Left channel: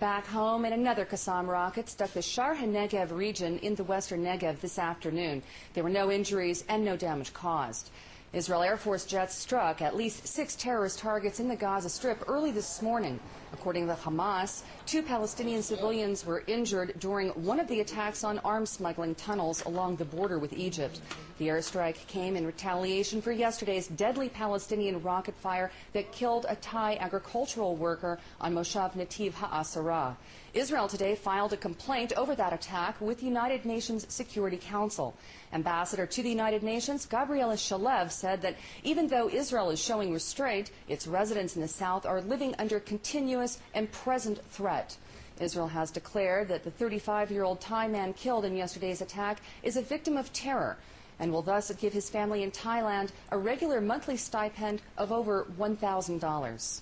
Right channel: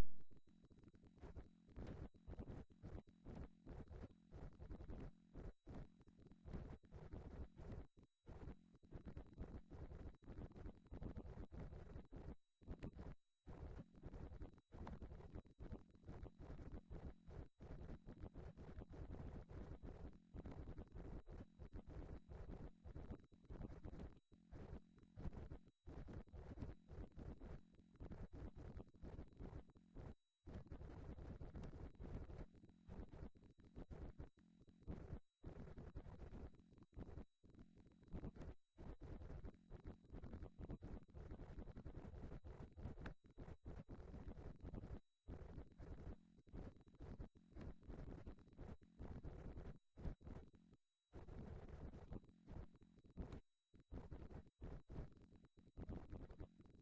Back home, and another Gaza rocket struck the Shar HaNegev region in the western Negev this afternoon. There were no injuries and no damage caused. Israel Air Force jets struck at least 6 terrorist targets in the Gaza Strip early this morning. According to Hamas, 2 Palestinian civilians were injured during one of the attacks on arms smuggling tunnels along the border with Egypt. The airstrike came in retaliation for yesterday's deadly Palestinian rocket fire that killed a Thai agricultural worker on Moshav Nativ HaAsara. Israel today filed a complaint over that attack with the United Nations Security Council. Ambassador to the United Nations, Gabriela Shalev, said that even though Israel is showing restraint, its residents in the south are living under continuous and present threat. Israel has declared that the 35-year-old Thai man killed in yesterday's attack is a victim of terror and will thus give his family in Thailand a regular monthly stipend of over $1,000.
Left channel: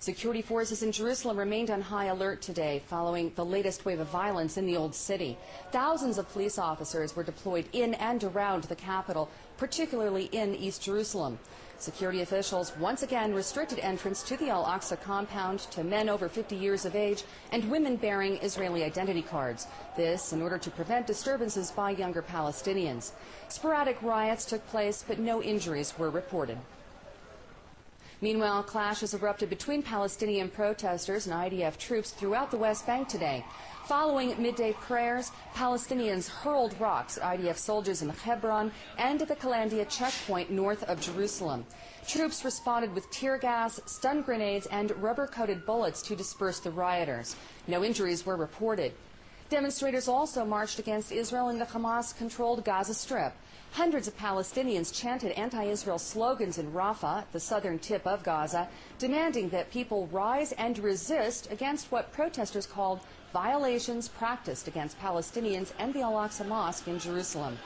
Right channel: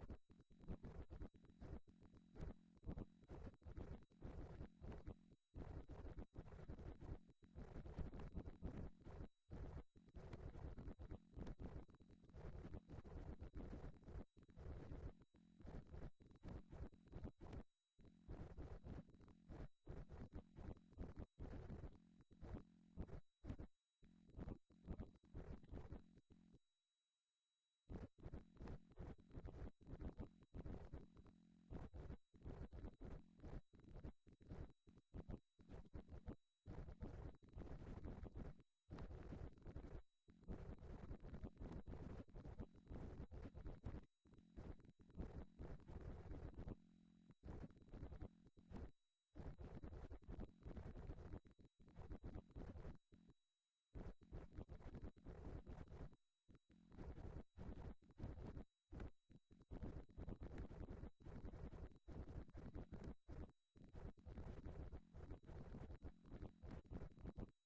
Security forces in Jerusalem remained on high alert today following the latest wave of violence in the Old City. Thousands of police officers were deployed in and around the capital, particularly in East Jerusalem. Security officials once again restricted entrance to the Al-Aqsa compound to men over 50 years of age and women bearing Israeli identity cards. This in order to prevent disturbances by younger Palestinians. Sporadic riots took place, but no injuries were reported. Meanwhile, clashes erupted between Palestinian protesters and IDF troops throughout the West Bank today. Following midday prayers, Palestinians hurled rocks at IDF soldiers in Hebron and at the Kalandia checkpoint north of Jerusalem. Troops responded with tear gas, stun grenades, and rubber-coated bullets to disperse the rioters. No injuries were reported. Demonstrators also marched against Israel in the Hamas-controlled Gaza Strip. Hundreds of Palestinians chanted anti-Israel slogans in Rafah, the southern tip of Gaza, demanding that people rise and resist against what protesters called violations practiced against Palestinians and the Al-Aqsa Mosque in Jerusalem.